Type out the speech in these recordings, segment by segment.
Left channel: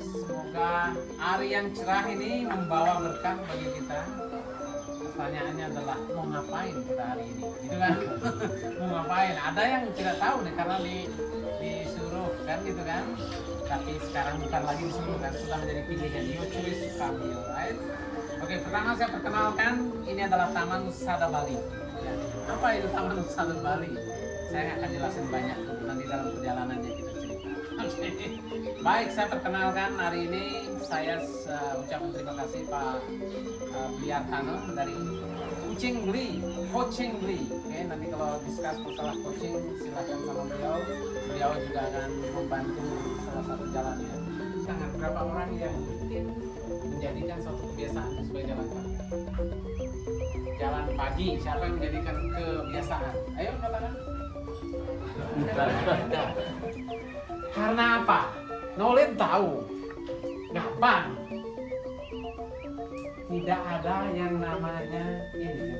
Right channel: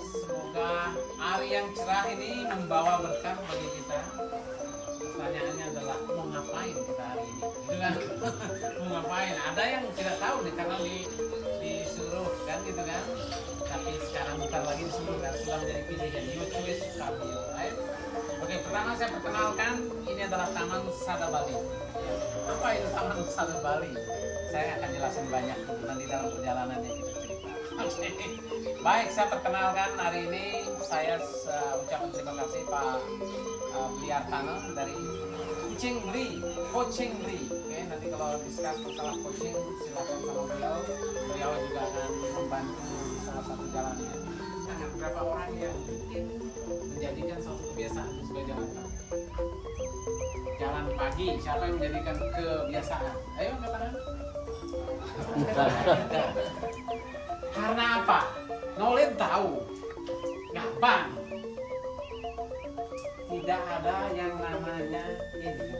semoga hari yang cerah ini membawa berkah bagi kita. Pertanyaannya adalah mau ngapain kita hari ini, gitu kan? Mau ngapain? Ada yang tidak tahu nih karena disuruh kan, gitu kan? Tapi sekarang bukan lagi disuruh kan, sudah menjadi pilihan. Your choice to come here, right? Oke, pertama saya perkenalkan, ini adalah Taman Sada Bali. Ya, apa itu Taman Sada Bali? Saya akan jelasin banyak tuh nanti dalam perjalanannya kita cerita. Oke. Baik, saya perkenalkan hari ini saya ucapkan terima kasih Pak Bliartana dari Kucing Beli, Coaching Beli. Oke, nanti kalau discuss masalah coaching silakan sama beliau. Beliau juga akan membantu salah satu jalannya. Nah, berapa orang yang mungkin menjadikan suatu kebiasaan sebagai jalan pagi? Jalan pagi, siapa yang menjadikan kebiasaan? Ayo katakan. Karena apa? Nolin tahu, gampang. Tidak ada yang namanya ini.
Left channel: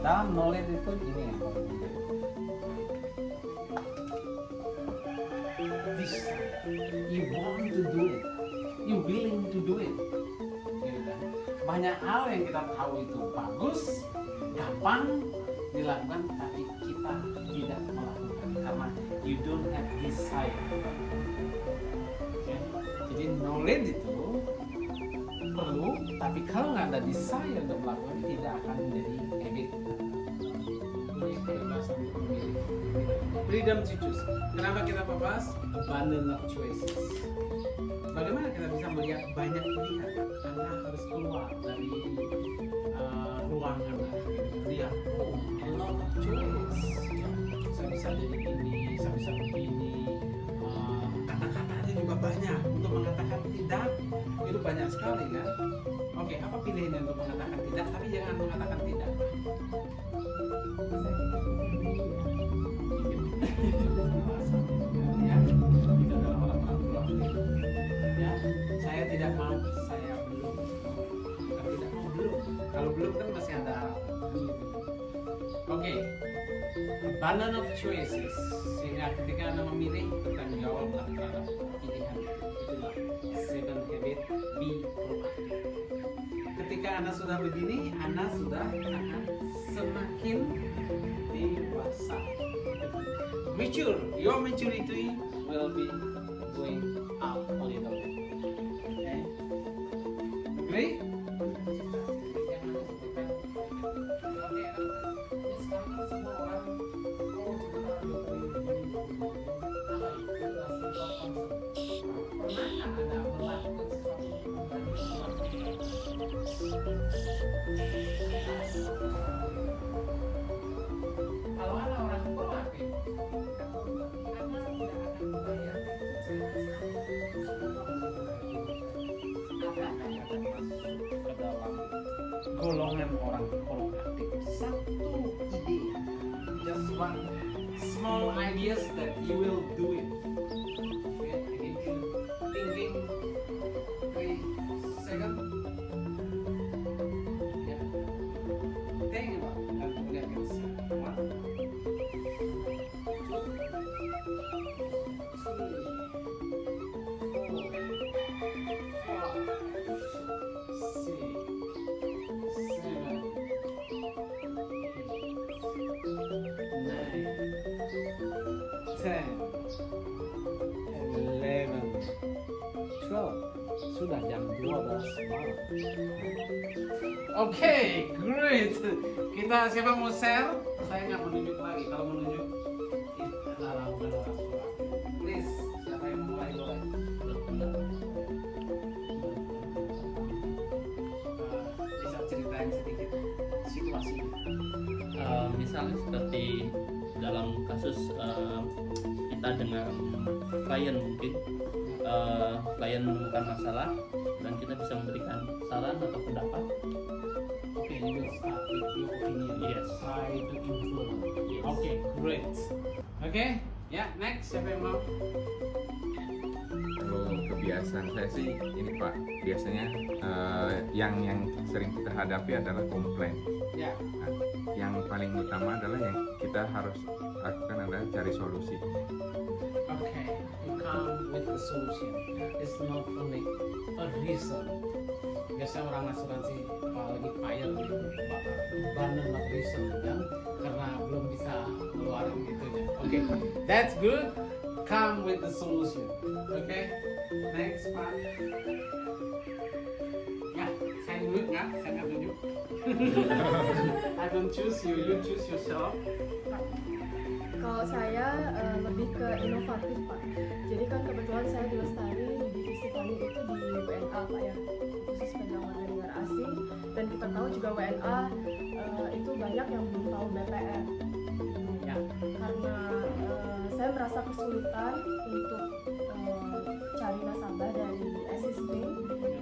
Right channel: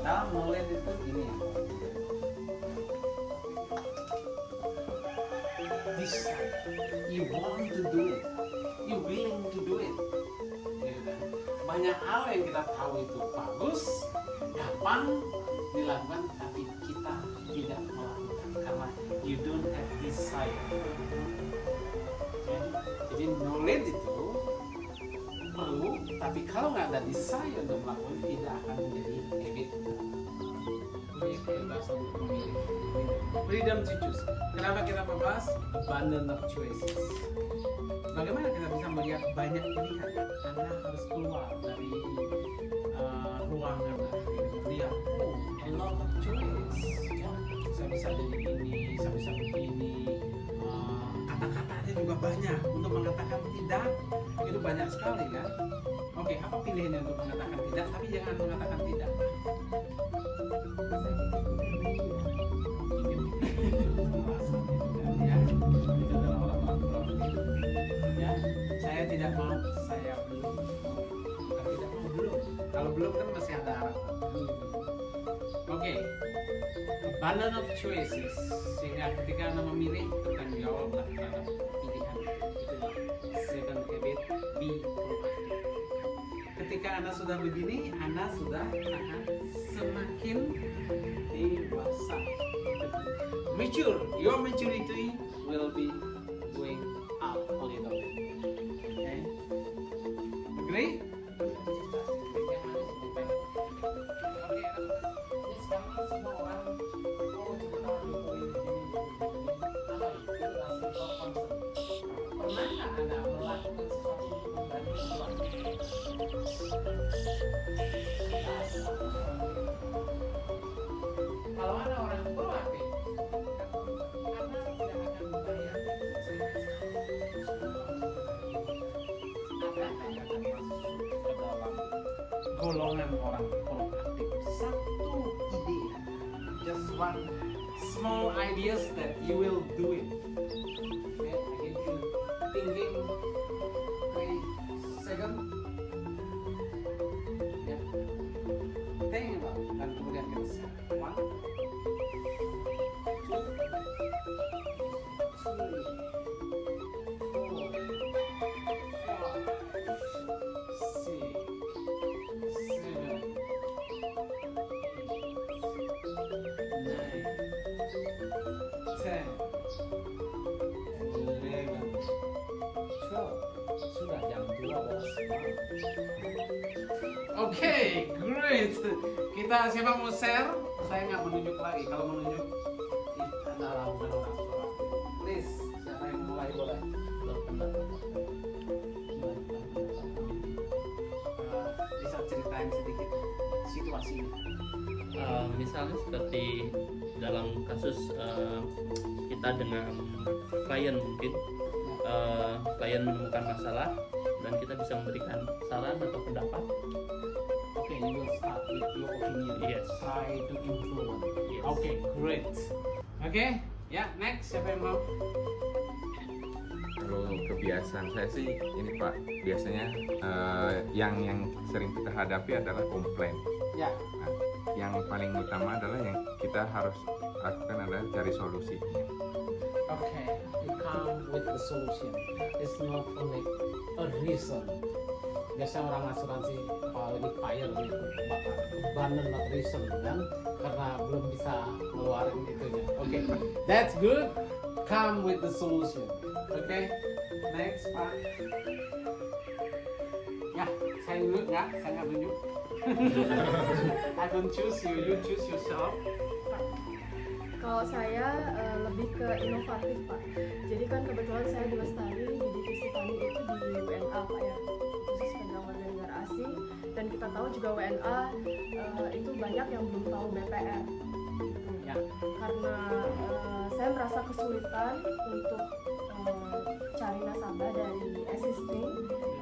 Dalam Nolin itu ini ya. Decide. You want to do it. You willing to do it. Banyak hal yang kita tahu itu bagus, gampang dilakukan, tapi kita tidak melakukan karena you don't have desire. Okay? Jadi knowledge itu perlu, tapi kalau nggak ada desire untuk melakukan, tidak akan menjadi habit. Ini kebebasan untuk memilih. Freedom to choose. Kenapa kita bahas abundance of choices? Bagaimana kita bisa melihat banyak pilihan? Anda harus keluar dari ruangan, lihat, oh, a lot of choice. Ya, saya bisa jadi ini, saya bisa begini. Kata-katanya juga banyak. Untuk mengatakan tidak itu banyak sekali kan? Oke, apa pilihannya untuk mengatakan tidak? Tapi jangan mengatakan tidak. Ya, itu adalah orang-orang proaktif. Ya, saya tidak mau, saya belum. Bukan tidak mau, belum. Kalau belum kan masih ada harapan. Oke, abundance of choices. Sehingga ketika Anda memilih, bertanggung jawablah terhadap pilihan itu. Itulah seven habit, be proactive. Ketika Anda sudah begini, Anda sudah akan semakin dewasa. Mature, your maturity will be going up a little bit. Okay? Agree? Oke, sekarang semua orang cepat Jokowi apa itu pernah nggak Anda melakukan sesuatu untuk membantu orang? Kalau Anda orang proaktif, Anda tidak akan membayar Anda akan masuk ke dalam golongan orang proaktif. Satu ide, just one small ideas that you will do it. Okay, I give you thinking 3 seconds. Ya, think about it. Dan kemudian kita set 1, 2, 3, 10, 11, 12. Sudah jam 12 malam. Oke, great. Kita siapa mau share? Saya nggak menunjuk lagi. Kalau menunjuk, adalah orang tua. Please, siapa yang mulai boleh? Bisa ceritain sedikit situasinya. Misalnya seperti dalam kasus kita dengan klien, mungkin klien menemukan masalah dan kita bisa memberikan saran atau pendapat. Okay, you will start with your opinion. Yes. Try to influence. Yes. Okay, great. Okay, ya, next siapa yang mau? Kalau kebiasaan saya sih ini Pak, biasanya yang sering kita hadapi adalah komplain. Ya. Nah, yang paling utama adalah yang kita harus lakukan adalah cari solusi. Okay, you come with the solution. It's not only a reason. Biasanya orang asuransi kalau ini fire gitu, bakal beban not reason kan, karena belum bisa ngeluarin itunya. Oke, that's good. Come with the solution. Oke, next Pak. Ya, saya dulu nggak, saya nggak tunjuk. I don't choose you, you choose yourself. Kalau saya lebih ke inovatif Pak. Jadi kan kebetulan saya di Lestari di divisi funding itu di WNA Pak ya, khusus pegang warga negara asing. Dan kita tahu juga WNA itu banyak yang belum tahu BPR. Gitu. Ya. Karena saya merasa kesulitan untuk cari nasabah dari existing.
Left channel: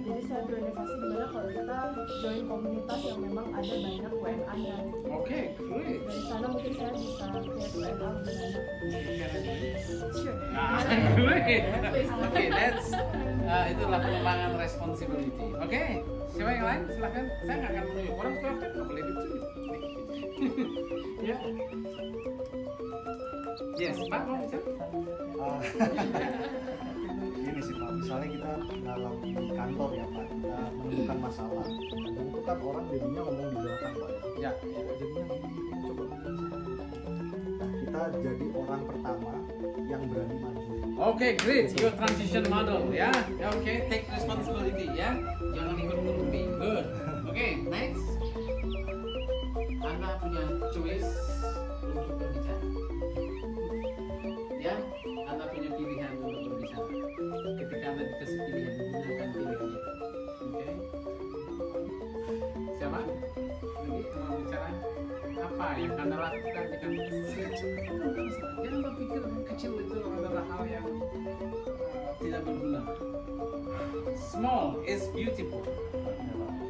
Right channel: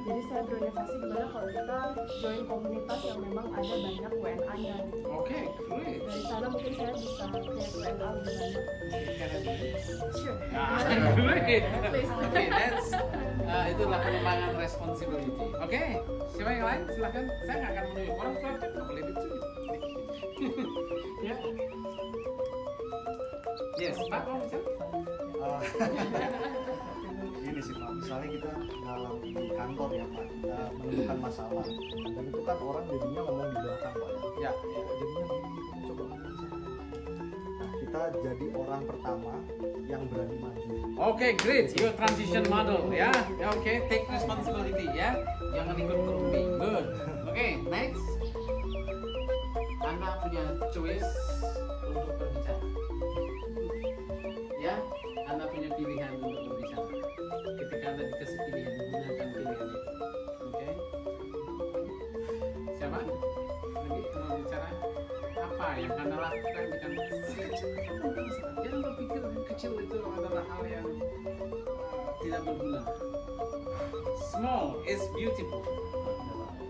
Jadi saya berinovasi gimana kalau kita join komunitas yang memang ada banyak WNA-nya. Oke, great. Dari sana mungkin saya bisa create WNA lebih banyak. Can I do it? Sure. Ah, great. Please. Oke, that's itulah pengembangan responsibility. Oke, siapa yang lain? Silahkan. Saya nggak akan menunjuk orang tua, kan nggak boleh ditunjuk. Ya. Yes, Pak mau bisa? Gini sih Pak, misalnya kita dalam di kantor ya Pak, kita menemukan masalah, dan itu kan orang jadinya ngomong di belakang Pak ya. Ya. Jadinya gini, kamu coba ngomong sama dia. Nah, kita jadi orang pertama yang berani maju. Oke, great. Your transition model, ya. Oke, take responsibility, ya. Jangan ikut berunding. Good. Oke, next. Anda punya choice untuk berbicara. Ya, Anda punya pilihan untuk berbicara. Ketika Anda dikasih pilihan, gunakan pilihan itu. Oke. Siapa? Lagi mau bicara? Apa yang Anda lakukan di kantor? Jangan berpikir yang kecil itu adalah hal yang tidak berguna. Small is beautiful.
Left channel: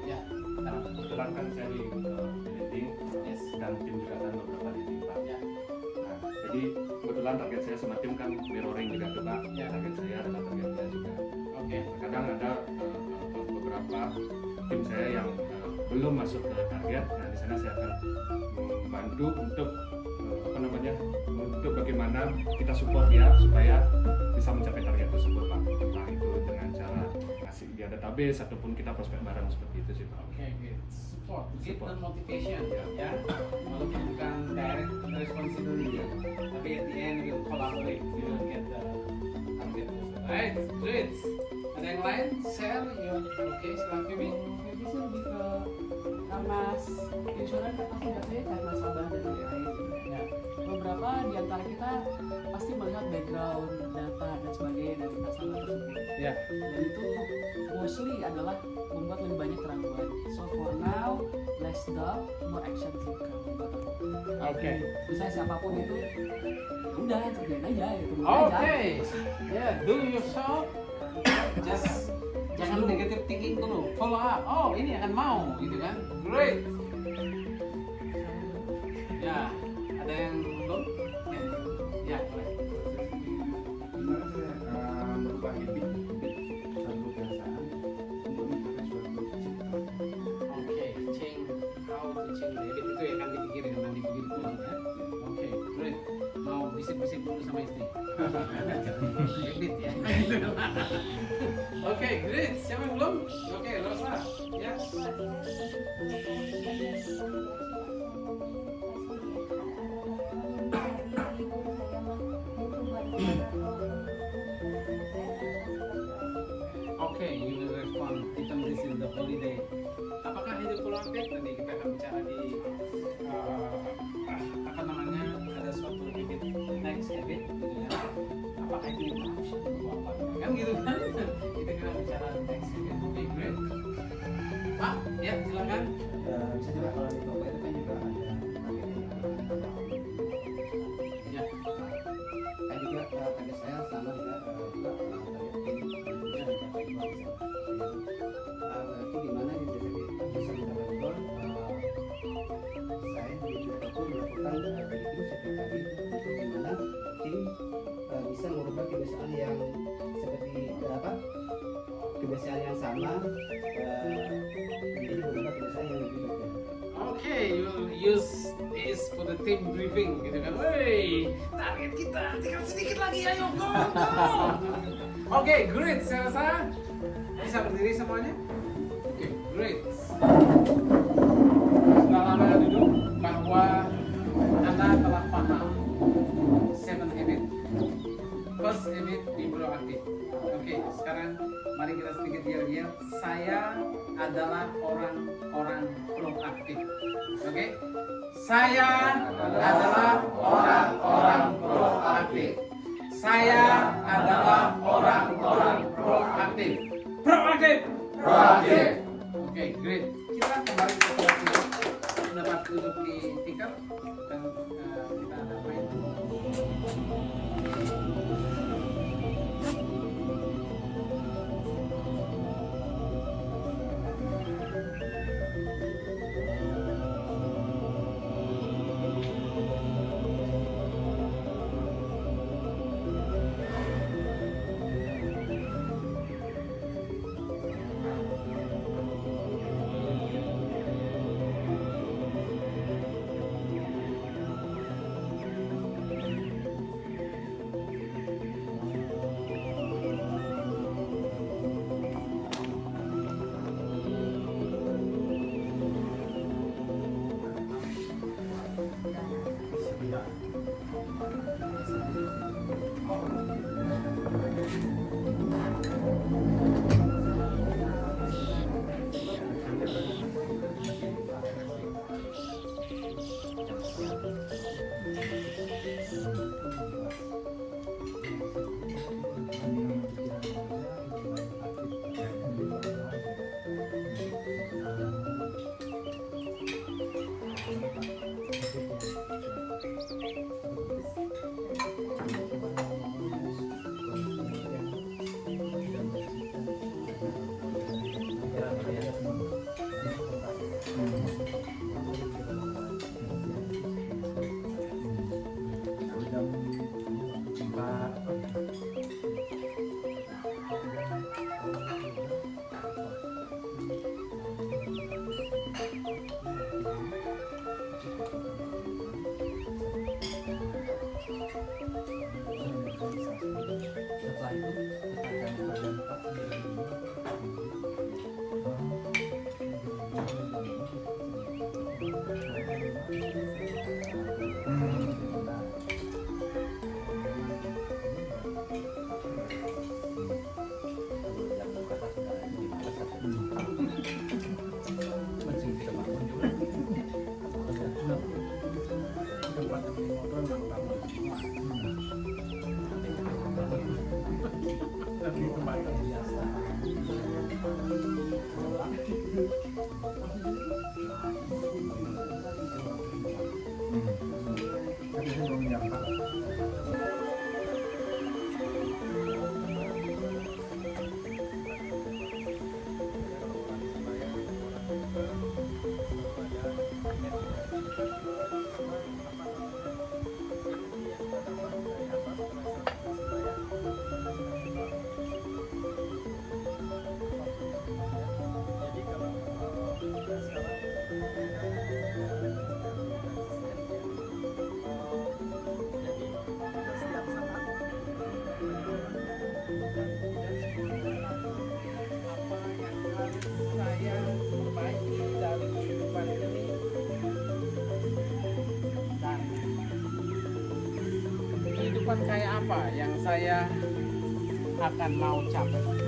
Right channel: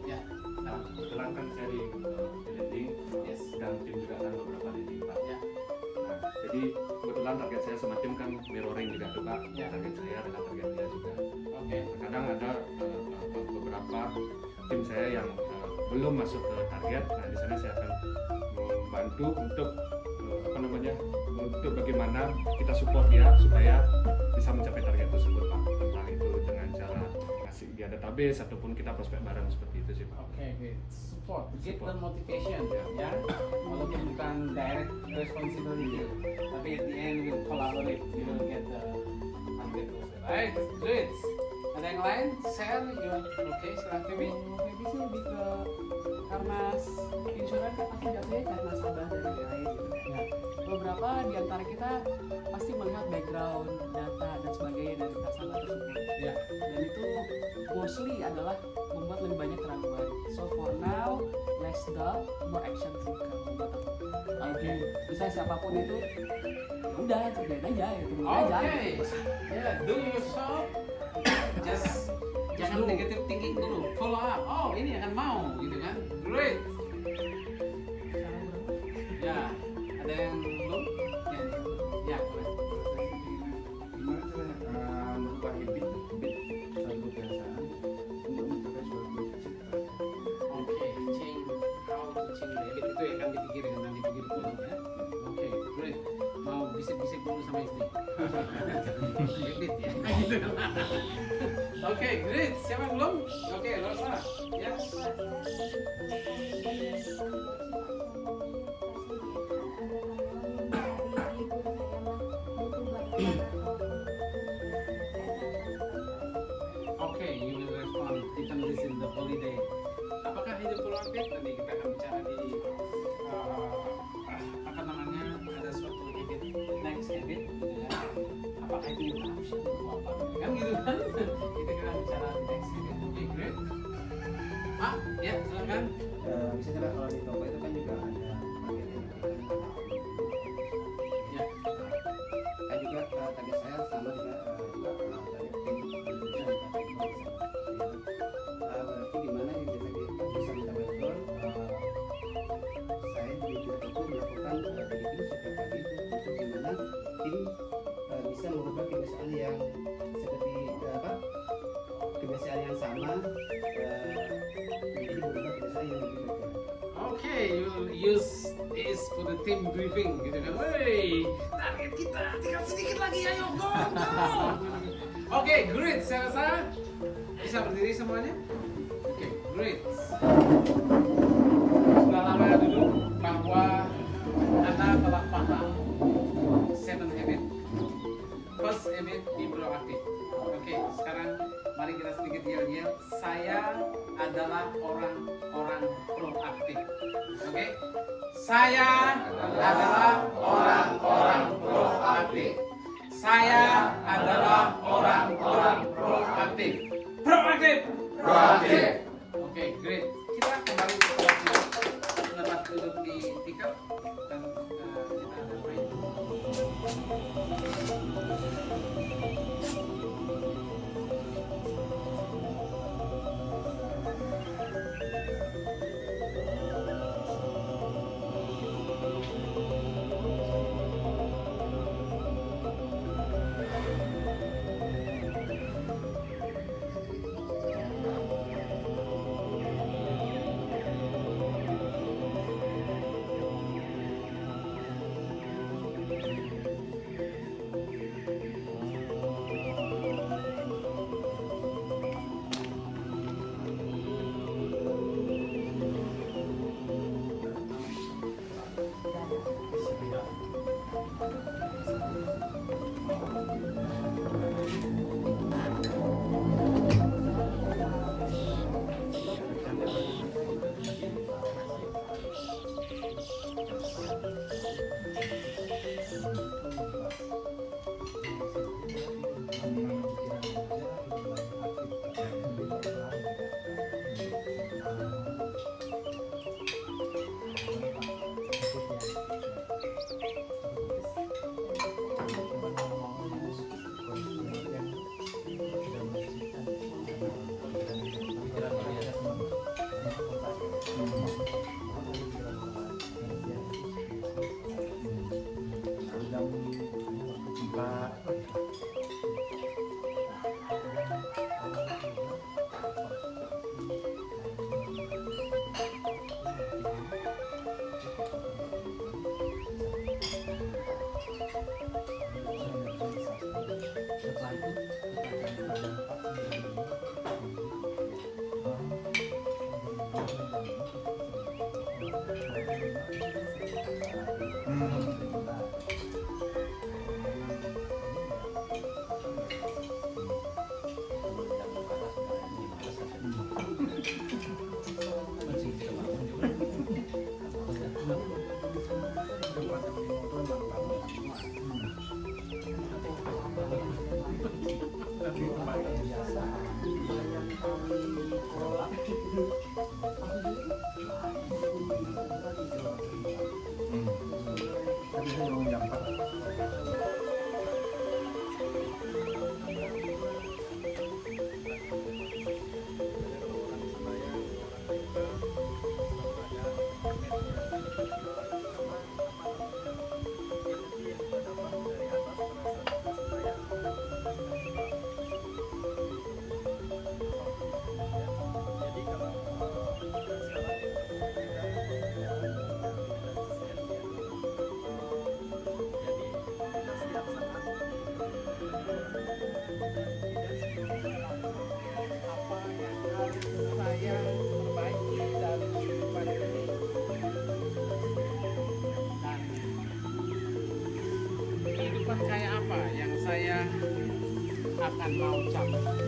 Ya, Kebetulan kan saya di leading Yes. dan tim juga kan beberapa leading Pak. Ya. Nah, jadi kebetulan target saya sama tim kan mirroring juga tuh Pak. Ya. Target saya dengan target dia juga. Oke. Kadang ada beberapa tim saya yang belum masuk ke target. Nah, di sana saya akan membantu untuk untuk bagaimana kita support dia supaya bisa mencapai target tersebut Pak. Entah itu dengan cara ngasih dia database ataupun kita prospek bareng seperti itu sih Pak. Oke, good. Support, give Support. them motivation, Ya. ya. Walaupun bukan direct responsibility, tapi at the end we'll collaborate, you will get the target also. Right, great. Ada yang lain? Share, oke, silakan Bibi. Jadi sih lebih ke karena insurans kan pasti jatuhnya kayak nasabah dari lain gitu kan. Ya. Beberapa di antara kita pasti melihat background, data dan sebagainya dari nasabah tersebut. Ya. Dan itu mostly adalah membuat lebih banyak keraguan. So for now, less doubt, more action sih kalau buat aku. Oke. Misalnya siapapun itu, ya udah kerjain aja, ya tunggu Oke, aja. ya, do yourself. Just jangan negative thinking dulu. Follow up. Oh, ini akan mau, gitu kan? Great. Ya, ada yang belum? Ya, ya, boleh. Gimana saya merubah habit satu kebiasaan untuk mencapai suatu cita-cita. Oke, change how to change the habit itu yang akan dipikirin nanti pikir pulang ya. Oke, great. Mau bisik-bisik dulu sama istri. Habit ya. Gitu kan. Oke, great. Siapa yang belum? Oke, Rosa. Ya. Oke, you will respond even this is the holiday. Apakah hidup keluarga? Nanti kita akan bicara di apa namanya, ada suatu habit, next habit, gitu ya. Apakah itu interruption atau apa? Kan gitu kan? Itu kita bicara di next habit. Oke, great. Pak, ya silakan. Bisa juga kalau di toko itu kan juga ada Ya. Kayak juga target saya sama juga target tim bisa mencapai goal berarti gimana bisa mencapai goal saya juga itu melakukan briefing setiap pagi itu untuk gimana tim bisa merubah kebiasaan yang seperti kebiasaan yang sama menjadi berubah kebiasaan yang lebih baik. Oke, you'll use this for the team briefing gitu kan. Woi, target kita tinggal sedikit lagi, ayo go go. Oke, great. Saya rasa bisa berdiri semuanya. Oke, great. Sudah lama ya duduk bahwa Anda telah paham 7 habit. First habit, be proactive. Oke, sekarang mari kita sedikit yel-yel. Saya adalah orang-orang proaktif. Oke? Saya adalah orang-orang proaktif. Saya adalah orang-orang proaktif. Proaktif. Proaktif. Oke, great. Kita kembali ke tempat duduk di tikar dan kita ada main. Setelah itu kita akan bagian kehidupan kayak apa yang saya akan mau capai.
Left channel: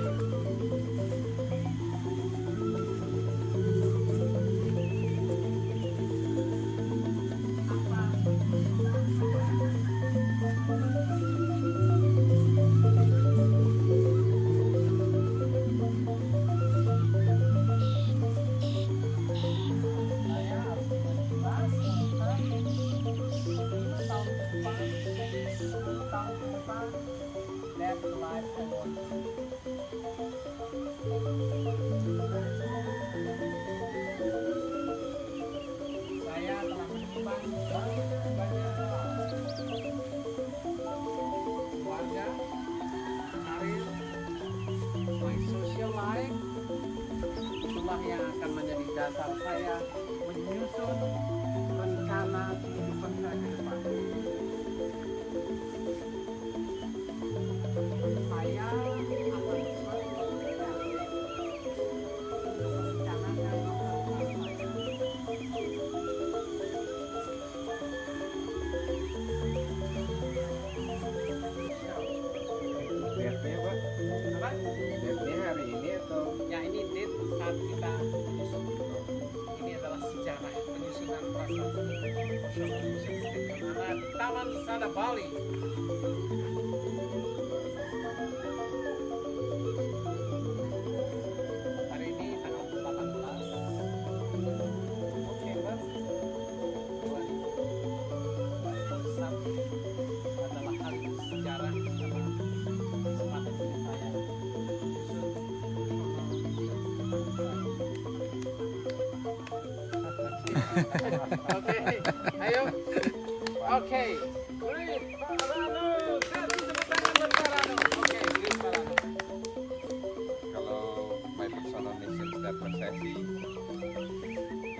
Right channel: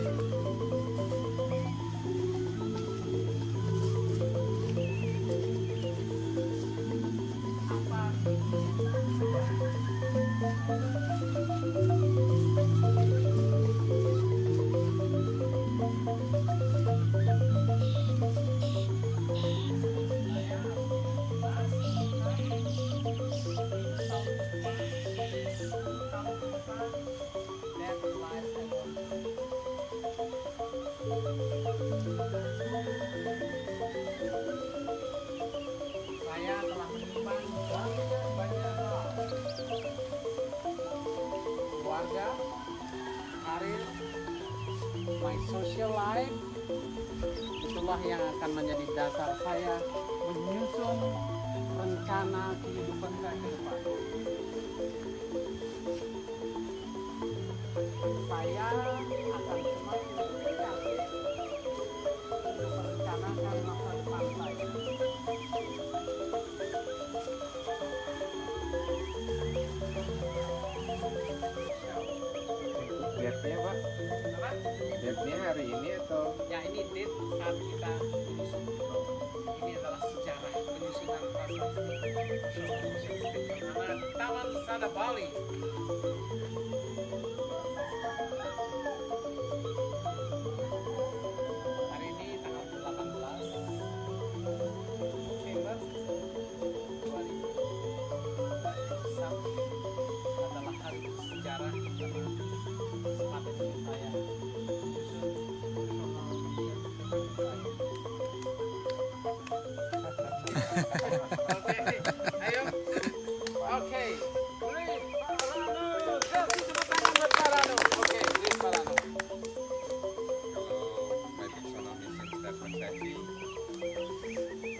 That's the life I want. yang akan menjadi dasar saya menyusun rencana kehidupan saya ke depan. Saya akan membuat merencanakan masa depan saya. Date-nya Pak, Apa? date-nya hari ini atau? Ya, ini date saat kita menyusun. Ini adalah sejarah penyusunan prasasti National Museum State Anak Taman Sada Bali. Hari ini tanggal 18 November 2021 adalah hari sejarah karena kesempatan ini saya menyusun National Museum State saya. Oke, ayo. Oke, great, Pak Ranu. Kasih tepuk tangan buat Pak Ranu. Oke, great, Pak Ranu. Kalau My Personal Mission Statement saya sih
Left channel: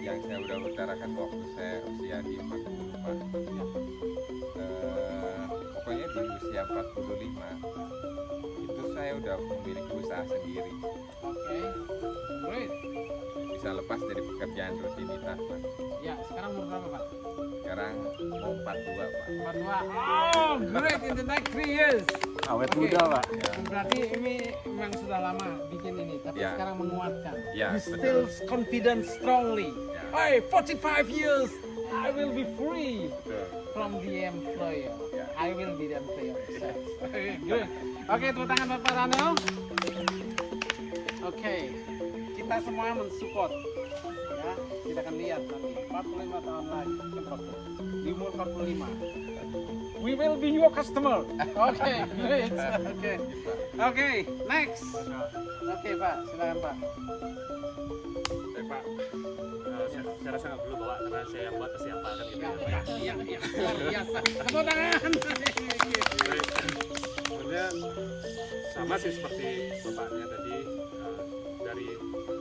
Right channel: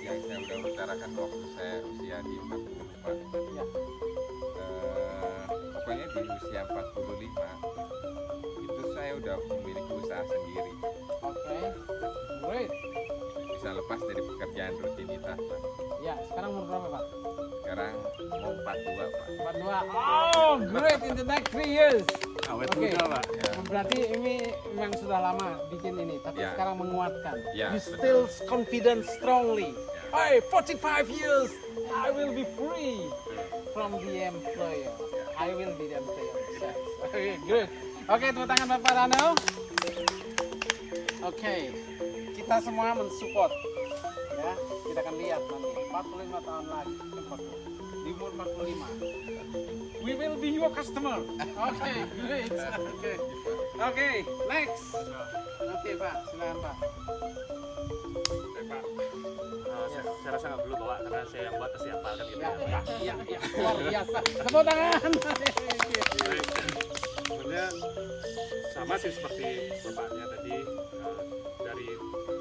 yang saya udah utarakan waktu saya usia di 40 Pak. Ya. Pokoknya di usia 45 itu saya udah memiliki usaha sendiri, Oke, great. bisa lepas dari pekerjaan rutinitas Pak. Ya, sekarang umur berapa, Pak? Sekarang mau 42 Pak. 42. Oh, great in the next 3 years. Awet Oke. muda Pak. Ya, Berarti ini memang sudah lama bikin ini, tapi Ya. sekarang menguatkan. Ya, You betul. still confident strongly. Ya. Hey, 45 years, I will be free Betul. from the employer. Ya. I will be the employer. Oke, good. Oke, tepuk tangan buat Pak Rano. Oke, kita semua mensupport. Ya, kita akan lihat nanti 45 tahun lagi, 40. Di umur 45. We will be your customer. Oke, great. Oke, next. Oke, Pak, silakan Pak. Baik Pak, saya rasa nggak perlu bawa karena saya yang buat pasti hafal kan gitu ya Pak. Iya. Luar biasa. Tepuk tangan. Baik, sebenarnya sama sih seperti bapaknya tadi.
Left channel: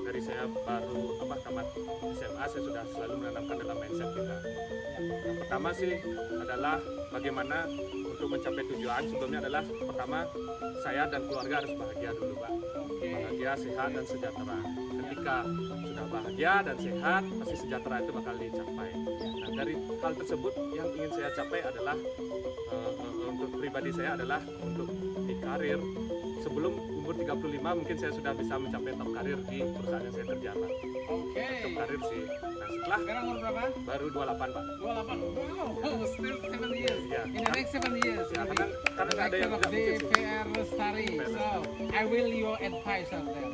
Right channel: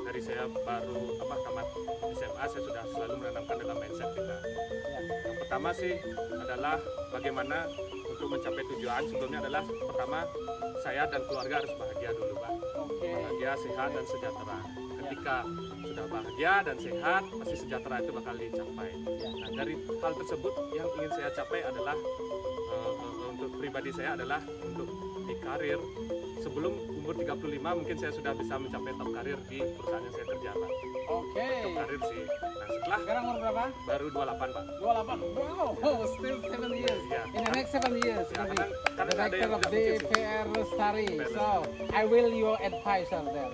Dari saya baru tamat SMA, saya sudah selalu menanamkan dalam mindset kita. Yang pertama sih adalah bagaimana untuk mencapai tujuan. Sebelumnya adalah pertama saya dan keluarga harus bahagia dulu Pak. Oke. Bahagia, sehat dan sejahtera. Ketika sudah bahagia dan sehat, pasti sejahtera itu bakal dicapai. Nah, dari hal tersebut yang ingin saya capai adalah untuk pribadi saya adalah untuk di karir. Sebelum umur 35 mungkin saya sudah bisa mencapai top karir di perusahaan yang saya kerja Pak. Oke. Top karir sih. Nah setelah Sekarang umur berapa? baru 28 Pak. 28. Wow, still 7 years. Iya. In the next 7 years. Ya, karena nggak ada yang tidak mungkin sih. DPR Lestari. DPR So, Lestari. I will your advisor there.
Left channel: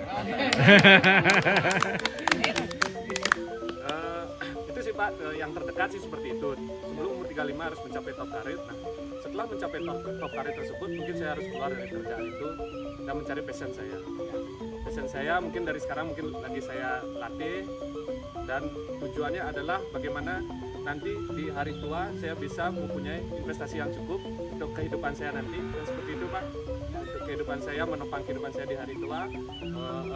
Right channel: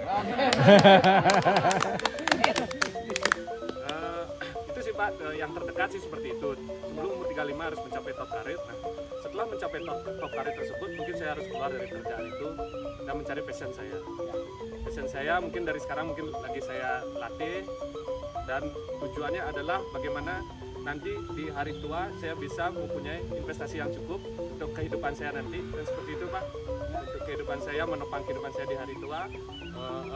Itu sih Pak, yang terdekat sih seperti itu. Sebelum umur 35 harus mencapai top karir. Nah, setelah mencapai top karir tersebut, mungkin saya harus keluar dari pekerjaan itu dan mencari passion saya. Passion saya mungkin dari sekarang mungkin lagi saya latih, dan tujuannya adalah bagaimana nanti di hari tua saya bisa mempunyai investasi yang cukup untuk kehidupan saya nanti, dan seperti itu Pak. Untuk kehidupan saya, menopang kehidupan saya di hari tua,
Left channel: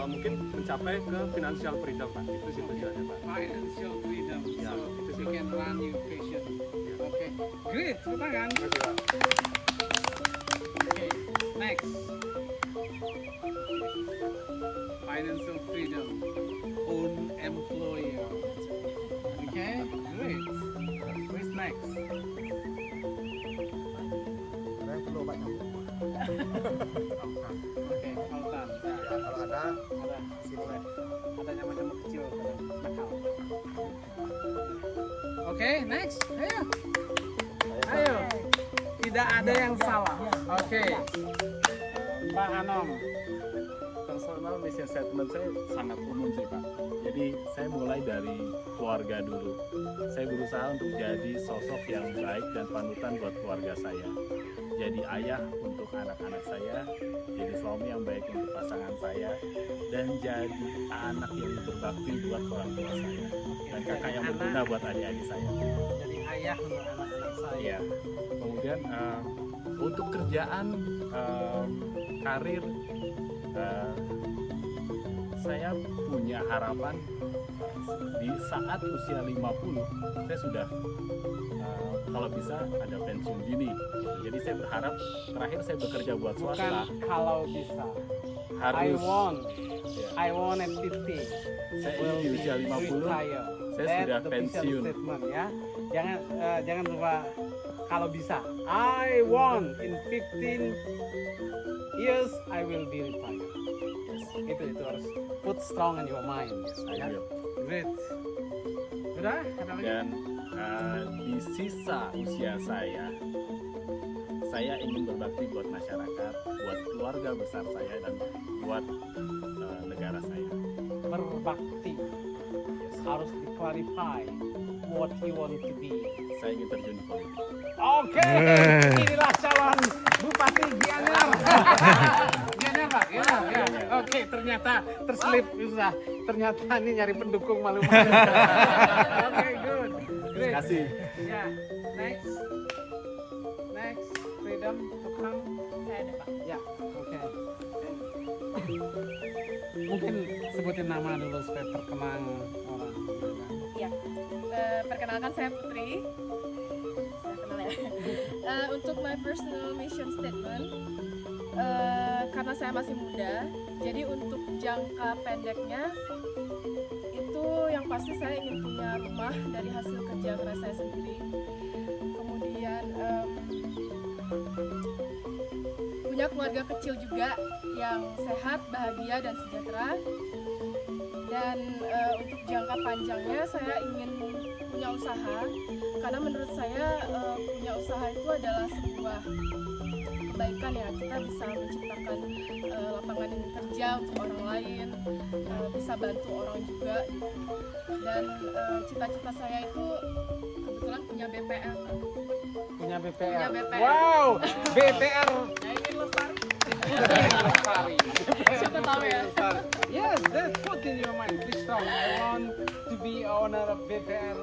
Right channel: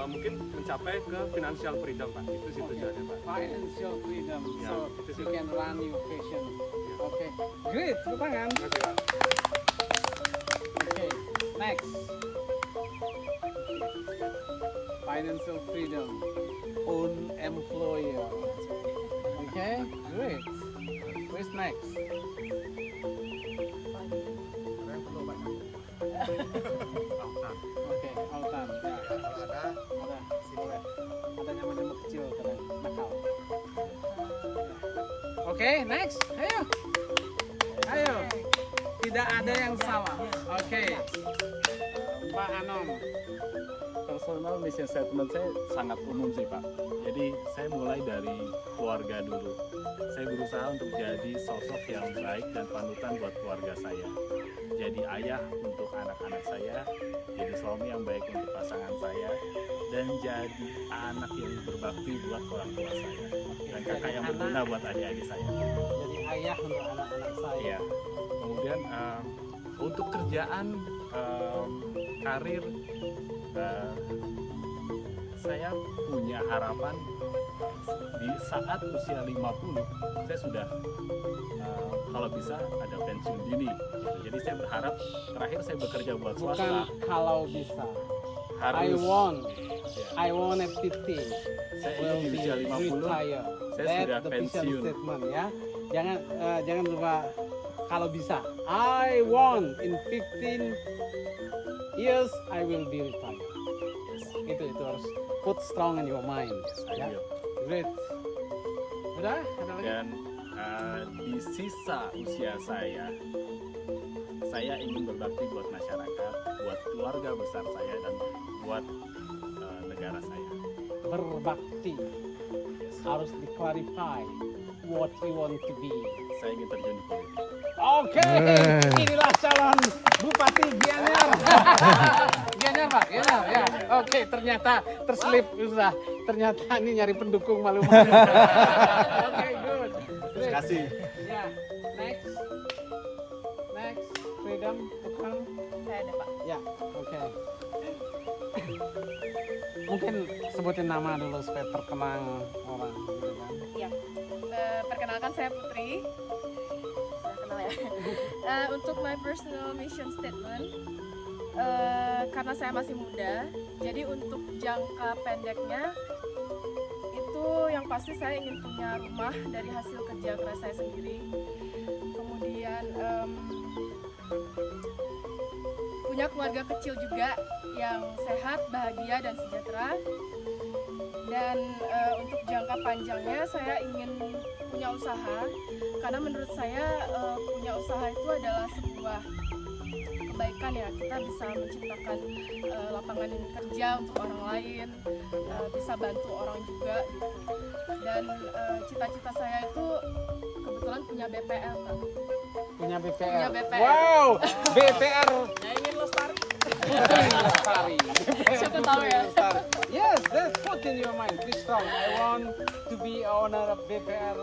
mungkin mencapai ke financial freedom Pak. Itu sih tujuannya Pak. Financial freedom. Ya, So, itu sih, you Pak. can run your passion. Ya. Oke. Great, tepuk tangan. Terima kasih Pak. Okay, next. Financial freedom. Own employer. Okay, great. Where's next? Oke, Altan. Ya, kalau ada sini. Adanya macam kecil, nakal. Oke, next. Ayo. Ayo. Tidak ada yang salah. Oke. Pak Anom. Personal mission statement saya sangat umum sih Pak. Jadi saya mulai dari keluarga dulu. Saya berusaha untuk jadi sosok yang baik dan panutan buat keluarga saya. Jadi ayah untuk anak-anak saya, jadi suami yang baik untuk pasangan saya, dan jadi anak yang berbakti buat orang tua saya, dan kakak yang berguna buat adik-adik saya. Jadi ayah untuk anak-anak saya. Iya. Kemudian untuk kerjaan, karir, saya punya harapan di saat usia 50 saya sudah kalau bisa ada pensiun dini gitu. Jadi saya berharap terakhir saya bekerja buat swasta Kalau bisa. harus ya, I want at 50. saya ingin di usia 50 saya sudah pensiun. Ya. Jangan lupa kalau bisa. I want in 15 years I will be retired. Yes, Itu harus put strong in your mind. I will. Great. Udah? Ada lagi? Dan di sisa usia saya ingin berbakti buat masyarakat, buat keluarga besar saya dan buat negara saya. Berbakti Yes. harus di-clarify what you want to be. Saya ingin terjun di politik. Oke, inilah calon Bupati Gianyar. Gianyar Pak, Gianyar ya. Gianyar. Oke, ternyata terselip susah. Ternyata ini nyari pendukung malu. Oke, good. Terima kasih. Ya, next. Freedom to come. Saya ada Pak. Ya, oke. Mungkin sebutin nama dulu supaya terkenal orang. Iya. Perkenalkan saya Putri. Saya kenal ya. Untuk my personal mission statement, karena saya masih muda, jadi untuk jangka pendeknya itu yang pasti saya ingin punya rumah dari hasil kerja keras saya sendiri. Kemudian punya keluarga kecil juga yang sehat, bahagia dan sejahtera. Dan untuk jangka panjangnya saya ingin punya usaha, karena menurut saya punya usaha itu adalah sebuah kebaikan ya. Kita bisa menciptakan lapangan kerja untuk orang lain, bisa bantu orang juga gitu. Dan cita-cita saya itu kebetulan punya BPR. Punya BPR. Punya BPR. Wow, BPR. Lestari. Siapa tahu ya. Yes, that's what in your mind. Please strong. I want to be owner of BPR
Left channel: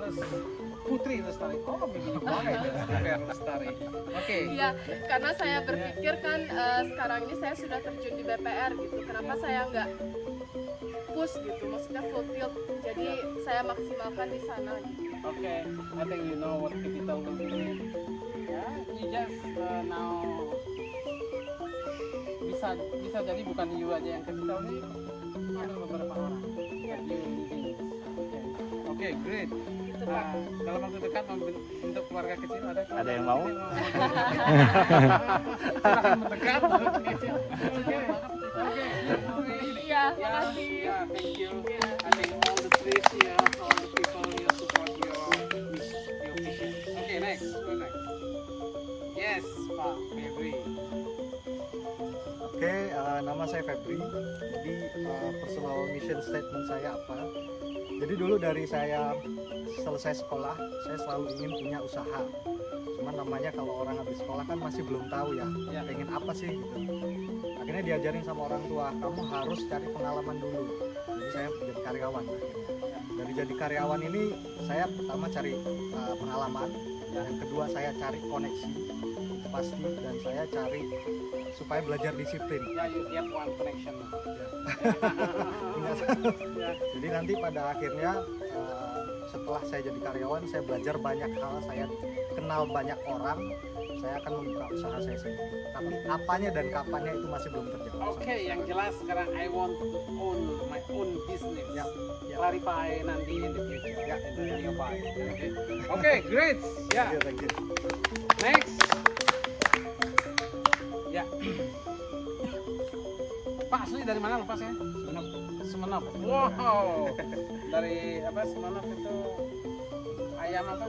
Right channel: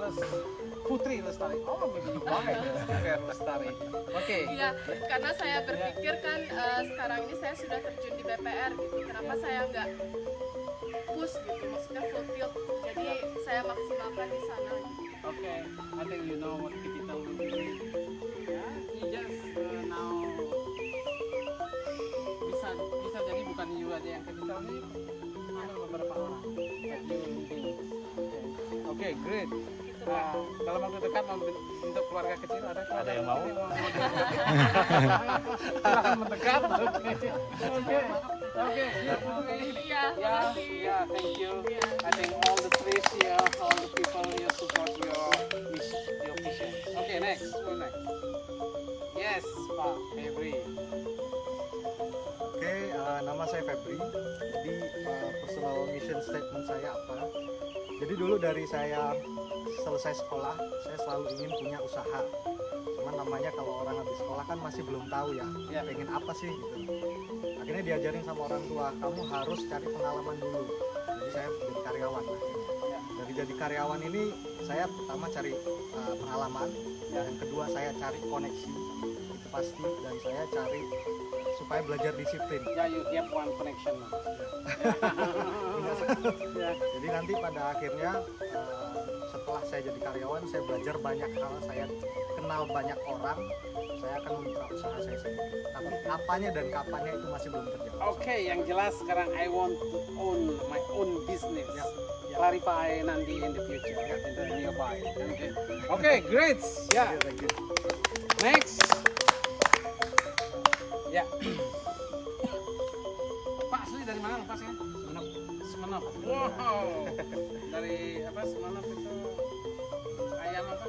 Putri Lestari. Oh, maybe you buy BPR Lestari. Oke. Iya, karena saya berpikir kan sekarang ini saya sudah terjun di BPR gitu. Kenapa saya nggak push gitu? Maksudnya full tilt. Jadi saya maksimalkan di sana gitu. Okay, I think you know what capital will do. Yeah, you just now bisa jadi bukan you aja yang capital ini, ada beberapa orang. But you leading. Okay, great. Gitu Pak. Dalam waktu dekat untuk keluarga kecil ada yang mau? Silakan mendekat. Oke. Iya, makasih. Yeah, thank you. Yeah. I think all the trees here, all the people here support your mission, your vision. Okay, next. Who next? Yes, Pak Febri. Oke, nama saya Febri. Jadi personal mission statement saya apa? Jadi dulu dari saya selesai sekolah, saya selalu ingin punya usaha. Cuman namanya kalau orang habis sekolah kan masih belum tahu ya, pengen apa sih gitu. Akhirnya diajarin sama orang tua, kamu harus cari pengalaman dulu. Jadi saya jadi karyawan akhirnya. Dari jadi karyawan ini saya pertama cari pengalaman, yang kedua saya cari koneksi, itu pasti, dan saya cari supaya belajar disiplin. Yeah, you have one connection. Punya jadi nanti pada akhirnya setelah saya jadi karyawan, saya belajar banyak hal, saya kenal banyak orang, saya akan membuka usaha saya sendiri. Tapi apanya dan kapannya itu masih belum terjawab. Oke, yang jelas sekarang I want to own my own business. Ya. Clarify nanti in the future. Ya. In the nearby. Oke, great. Ya. Thank you. Next. Ya. Pak, asli dari mana lupa saya? Semenop. Wow. Dari apa Semenop itu ayam apa?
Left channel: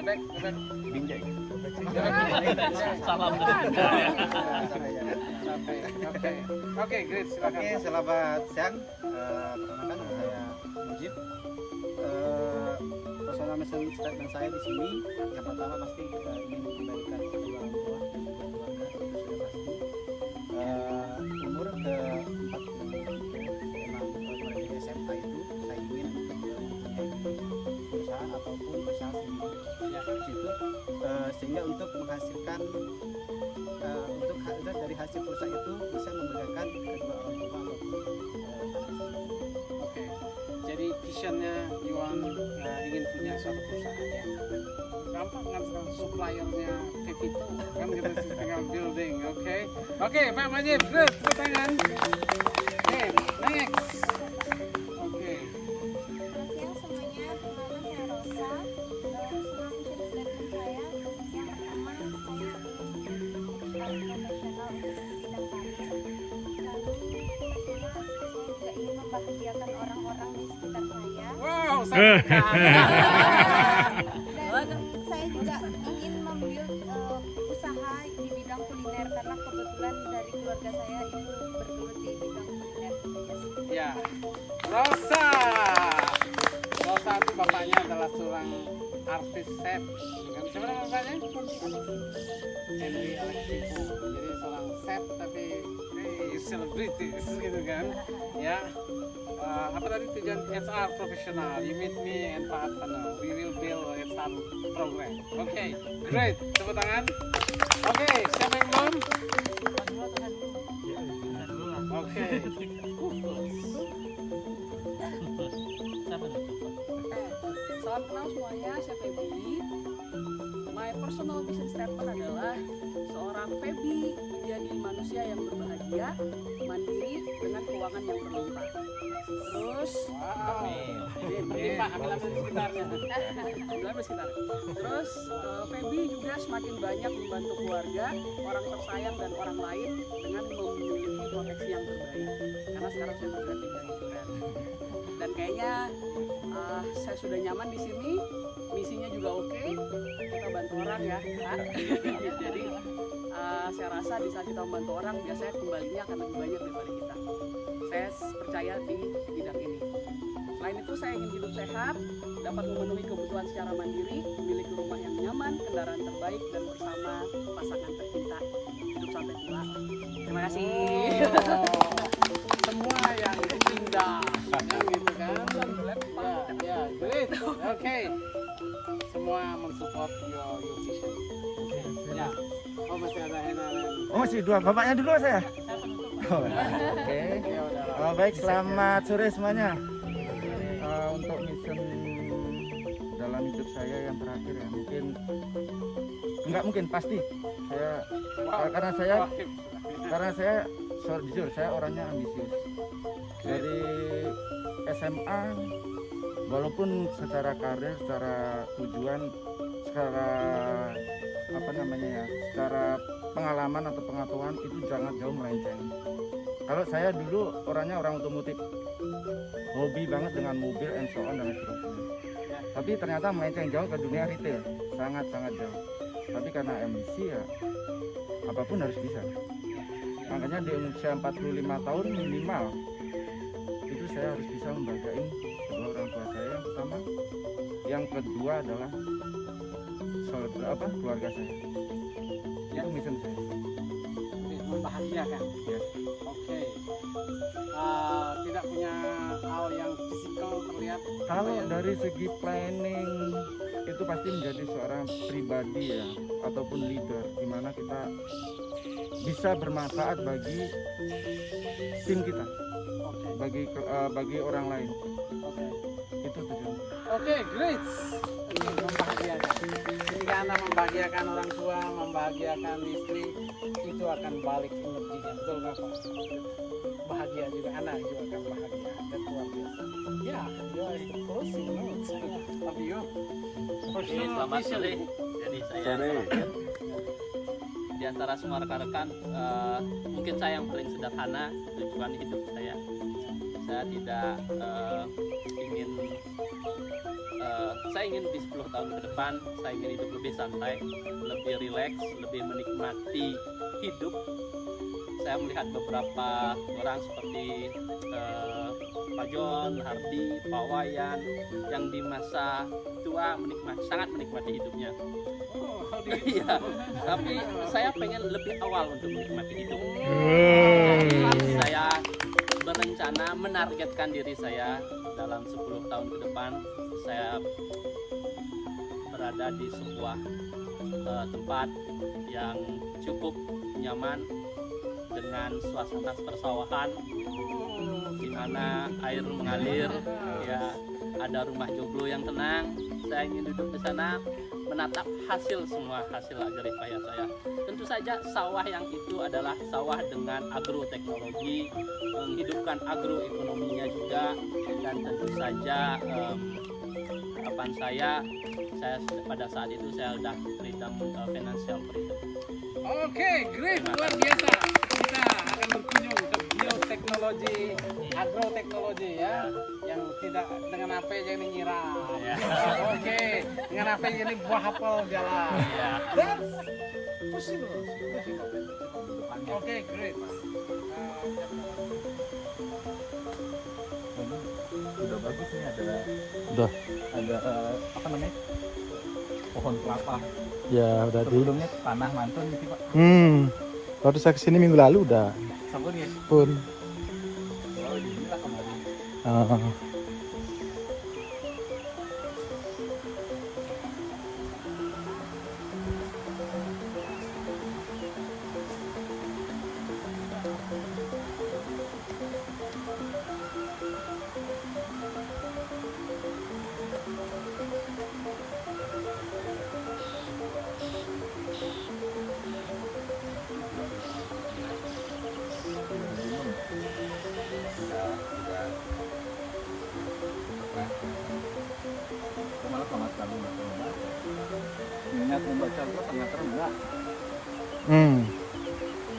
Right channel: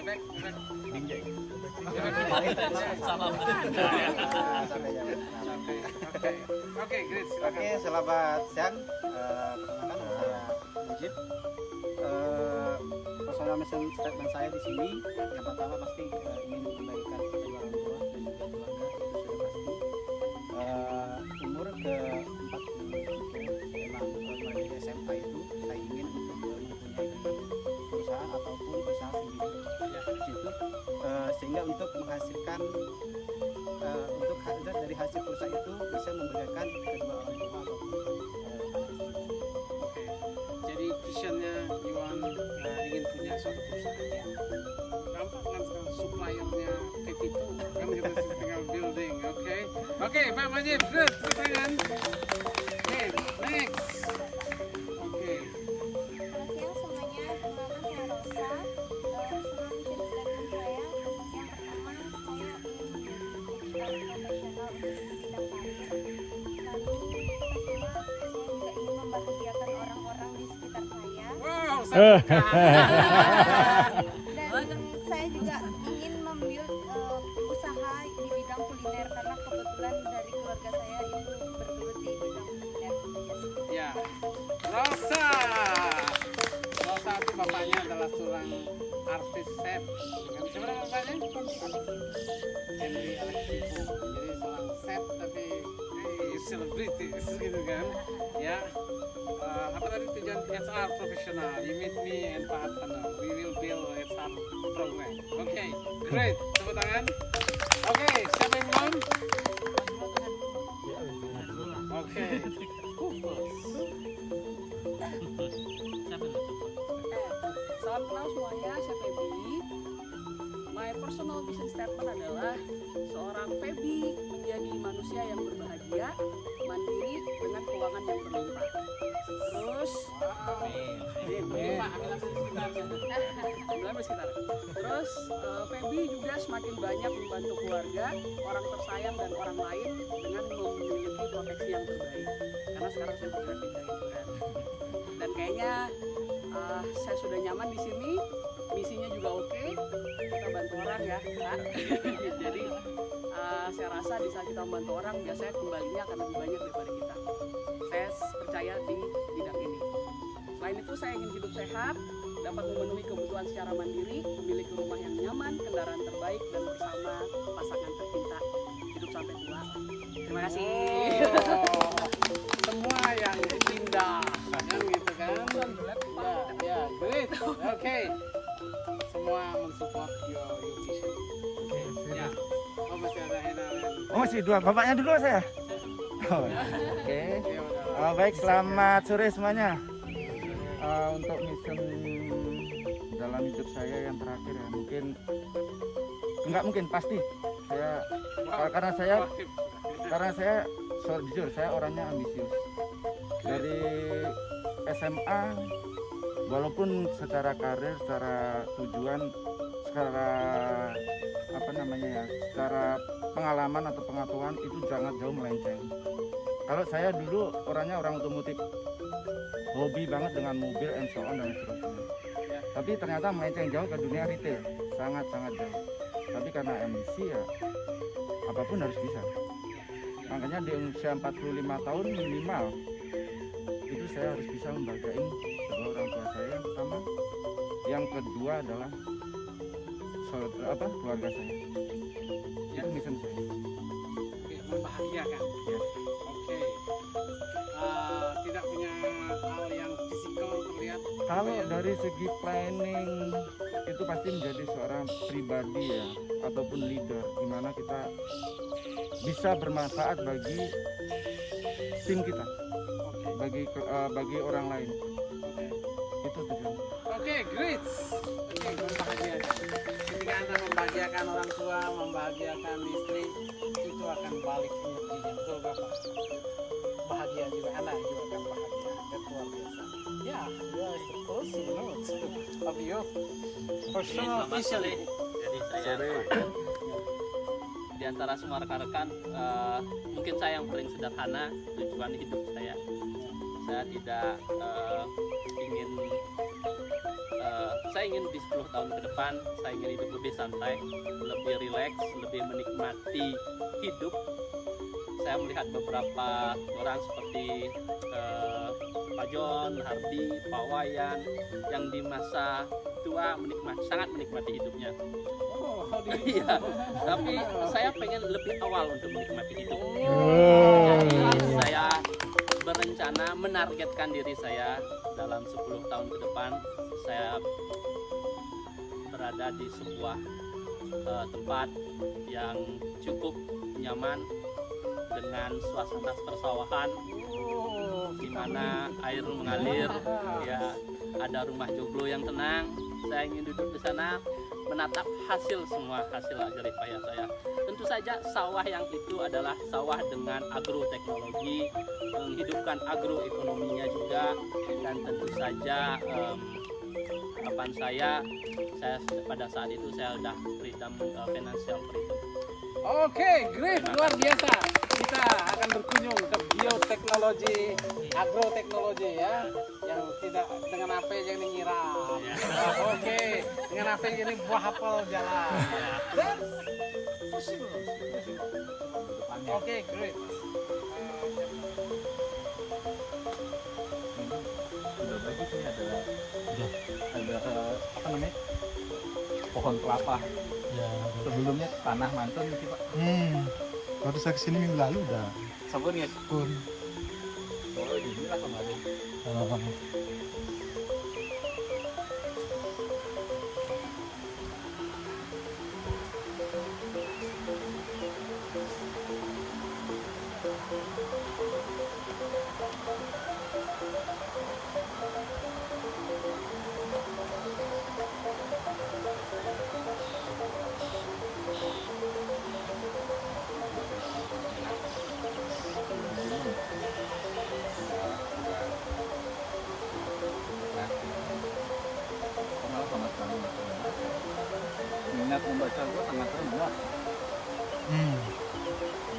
Bebek. Oke, great. Silakan. Oke, selamat siang. Perkenalkan nama saya Mujib. Personal mission statement saya di sini yang pertama pasti ingin memberikan kedua orang tua dan juga keluarga, itu sudah pasti. Umur ke 43 memang mulai dari SMA itu saya ingin untuk mempunyai perusahaan ataupun usaha sendiri di situ, sehingga untuk menghasilkan dari hasil perusahaan itu bisa memberikan kedua orang tua ataupun visionnya Yuan ingin punya suatu perusahaan ya. Gampang kan sekarang suppliernya Pepito kan kita tinggal building, oke? Oke, Pak Majib, good, tepuk tangan. Oke, next. Oke. Selamat siang semuanya, perkenalkan saya Rosa. Personal vision statement saya, yang pertama saya ingin menjadi profesional untuk di bidang karir. Lalu pastinya saya juga ingin membahagiakan orang-orang di sekitar saya. Wow, sangat Dan saya juga ingin membuild usaha di bidang kuliner karena kebetulan dari keluarga saya itu bergelut di bidang kuliner. Ya, Rosa. Rosa itu bapaknya adalah seorang artis chef. Bukan? Siapa nama bapaknya? Henry Alexivo. Jadi seorang chef tapi selebritis gitu kan? Ya. Apa tadi tujuan HR profesional? You meet me and Pak Atana. We will build a HR program. Oke, great. Tepuk tangan. Oke, siapa yang belum? Oke. Salam kenal semuanya, saya Feby. My personal vision statement adalah seorang Feby menjadi manusia yang berbahagia, mandiri dengan keuangan yang berlimpah. Terus, ambil sekitar. Terus, Feby juga semakin banyak membantu keluarga, orang tersayang dan orang lain dengan memiliki proteksi yang terbaik. Karena sekarang saya bergerak di bidang insurance. Dan kayaknya saya sudah nyaman di sini, misinya juga oke, kita bantu orang ya, Pak. Jadi saya rasa di saat kita membantu orang, biasanya kembalinya akan lebih banyak daripada kita. Saya percaya di bidang ini. Selain itu saya ingin hidup sehat, dapat memenuhi kebutuhan secara mandiri, memiliki rumah yang nyaman, kendaraan terbaik, dan bersama pasangan tercinta. Hidup sampai tua. Terima kasih. Semua yang indah, yang gitu kan? Ya, great. Oke. Semua mensupport your vision. Oke. Ya. Oh masih ada Hena. Oh masih dua, bapaknya dulu saya. Oh, oke. Baik, selamat sore semuanya. Untuk mission dalam hidup saya yang terakhir ya, mungkin pasti saya karena saya jujur saya orangnya ambisius. Dari SMA walaupun secara karir, secara tujuan, secara secara pengalaman atau pengetahuan itu sangat jauh melenceng. Kalau saya dulu orangnya orang otomotif, hobi banget dengan mobil and so on dan seterusnya. Tapi ternyata melenceng jauh ke dunia retail, sangat jauh. Tapi karena ambisi ya apapun harus bisa. Makanya di usia 45 tahun minimal itu saya harus bisa membahagiain kedua orang tua saya yang pertama, yang kedua adalah keluarga saya. Itu mission saya. Oke, membahagiakan. Yes. Oke. Tidak punya hal yang fisikal terlihat. Kalau dari segi planning itu pasti menjadi seorang pribadi ya, ataupun leader, di mana kita bisa bermanfaat bagi tim kita, bagi orang lain. Itu tujuan. Oke, great. Oke, membahagiakan. Ketika Anda membahagiakan orang tua, membahagiakan istri, itu akan balik energinya. Betul nggak Pak? Bahagia juga, anak juga akan bahagia. Dan luar biasa. Ya, you are the closing notes of you. Selamat sore. Jadi saya terakhir di antara semua rekan-rekan, mungkin saya yang paling sederhana tujuan hidup saya. Saya tidak saya ingin di 10 tahun ke depan saya ingin hidup lebih santai, lebih rileks, lebih menikmati hidup. Saya melihat beberapa orang seperti Pak John, Hardy, Pak Wayan yang di masa tua sangat menikmati hidupnya. Iya, tapi saya pengen lebih awal untuk menikmati hidup. Jadi saya berencana menargetkan diri saya dalam 10 tahun ke depan saya berada di sebuah tempat yang cukup nyaman dengan suasana persawahan di mana air mengalir, ya ada rumah joglo yang tenang. Saya ingin duduk di sana menatap hasil semua hasil jerih payah saya. Tentu saja sawah yang itu adalah sawah dengan agroteknologi, menghidupkan agroekonominya juga, dan tentu saja harapan saya pada saat itu saya sudah freedom, financial freedom. Oke, great, luar biasa. Kita akan berkunjung ke bioteknologi, agroteknologi ya, yang tidak dengan apa yang nyiram. Oke, dengan apa yang buah apel jalan. That's possible. Oke, great. Udah bagus nih, Udah. ada apa namanya, pohon kelapa. Ya udah. Sebelumnya tanah mantan sih Pak. Waktu saya kesini minggu lalu udah Sabun ya. pun. Oh inilah kemarin. Aku malah sama sekali nggak membaca. Minat membaca gua tengah terendah.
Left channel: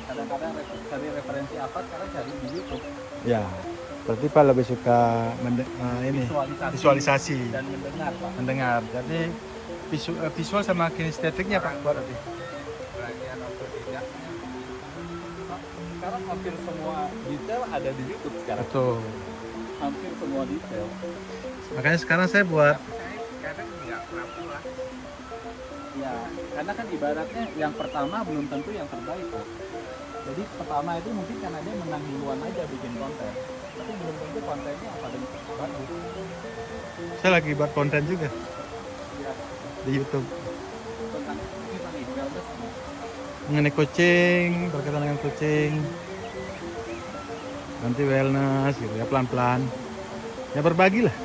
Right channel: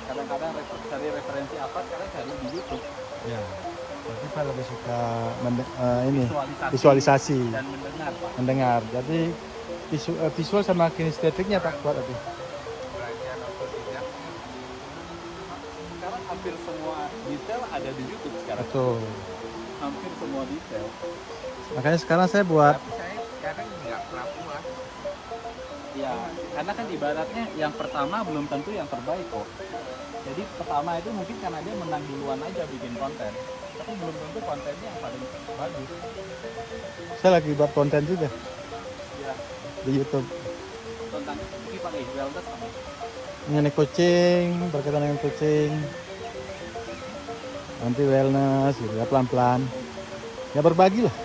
Kadang-kadang cari referensi apa sekarang cari di YouTube. Ya. Berarti Pak lebih suka ini visualisasi dan mendengar Pak. mendengar. Jadi visual sama kinestetiknya Pak berarti. Belajar otodidaknya. Sekarang hampir semua detail ada di YouTube sekarang. Betul. Hampir semua detail. Makanya sekarang saya buat Saya kadang nggak mampu lah. Ya, karena kan ibaratnya yang pertama belum tentu yang terbaik kok. Jadi pertama itu mungkin karena dia menang duluan aja bikin konten. Tapi belum tentu kontennya yang paling bagus. saya lagi buat konten juga Ya, di YouTube tentang ini Pak nih, wellness sama. mengenai kucing, berkaitan dengan kucing. Nanti wellness gitu ya, pelan-pelan. Ya berbagi lah.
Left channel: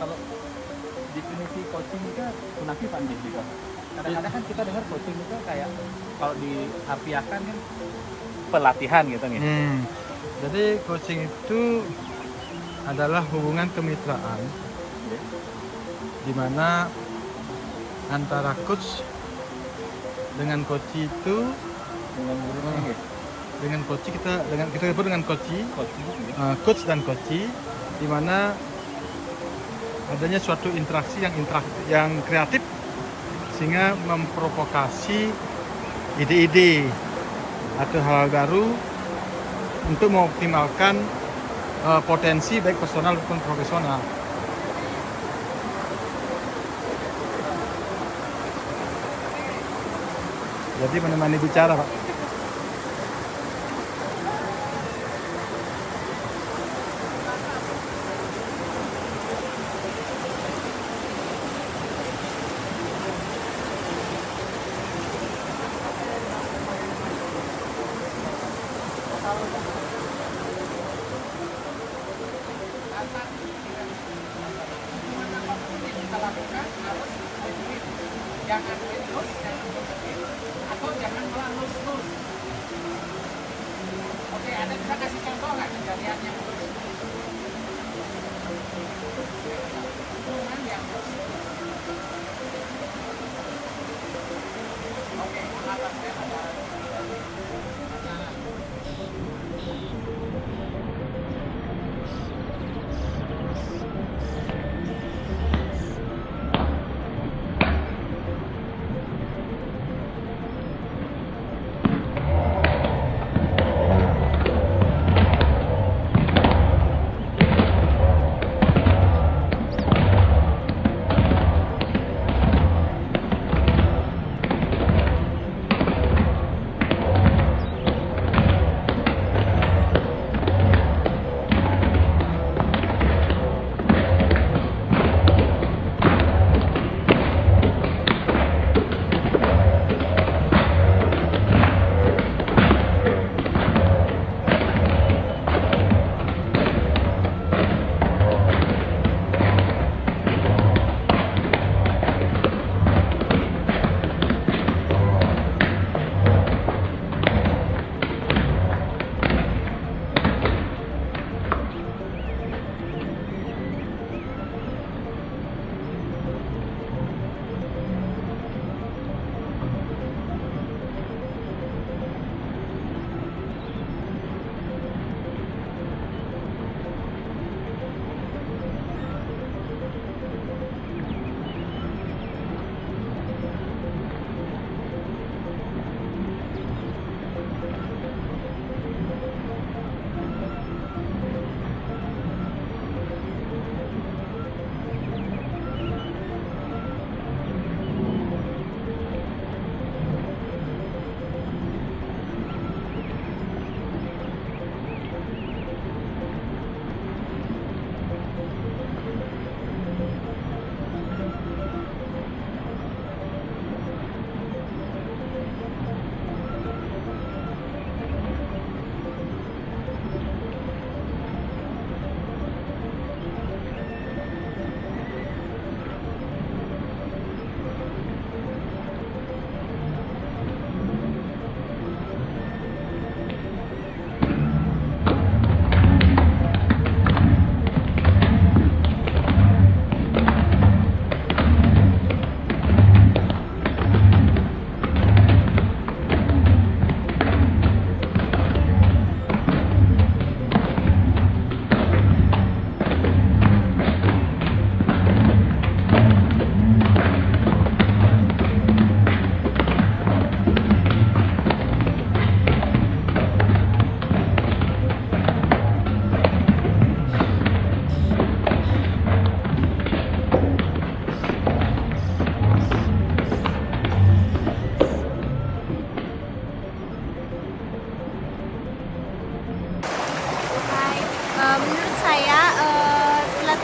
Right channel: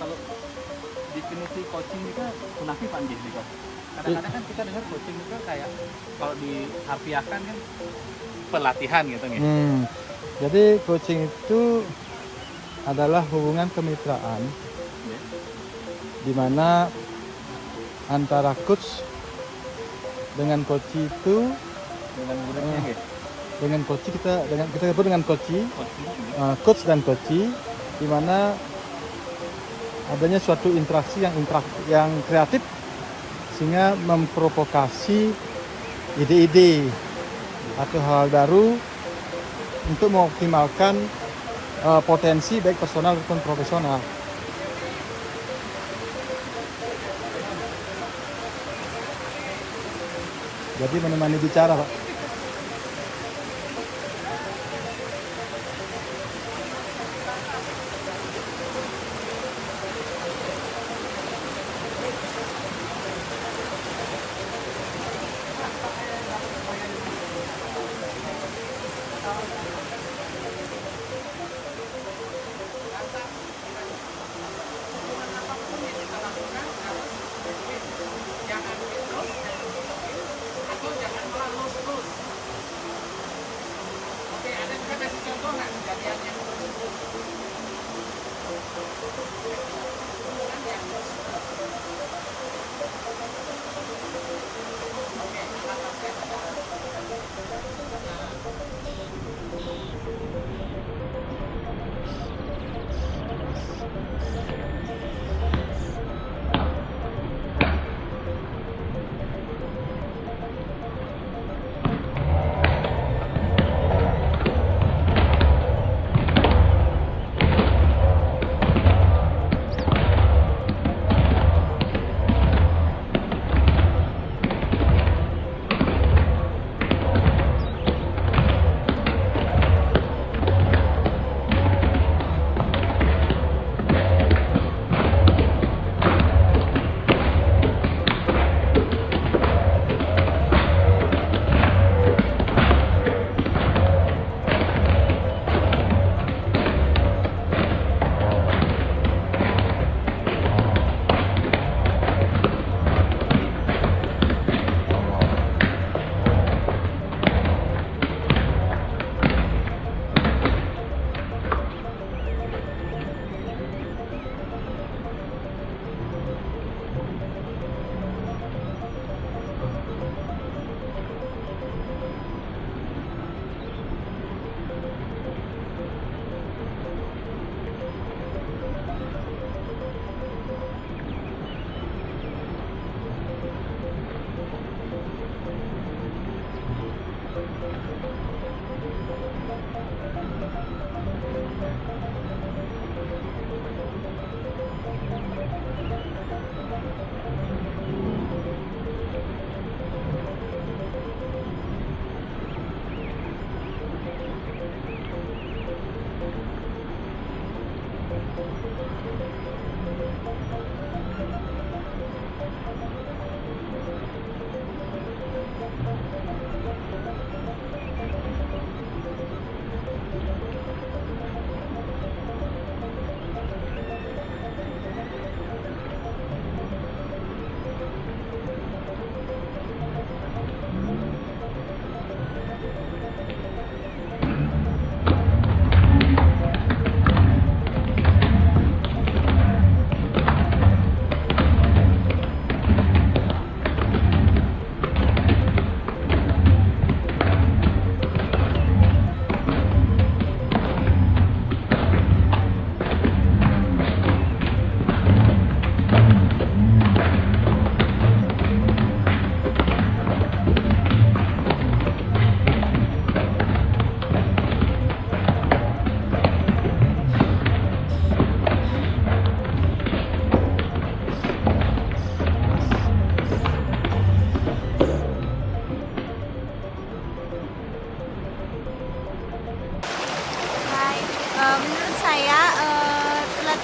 Kalau definisi coaching itu kunafi Pak Nggih gitu. Kadang-kadang kan kita dengar coaching itu kayak kalau diharfiahkan kan pelatihan gitu nih. Jadi coaching itu adalah hubungan kemitraan di mana antara coach dengan coach itu Dengan muridnya ya. dengan coach kita sebut dengan coach Coaching gitu. coach dan coach di mana adanya suatu interaksi yang kreatif sehingga memprovokasi ide-ide atau hal baru untuk mengoptimalkan potensi baik personal maupun profesional. Jadi menemani bicara, Pak. Jangan terus, atau jangan malah terus. Oke, ada bisa kasih contoh nggak kejadiannya? Hubungan yang oke, atasnya ada.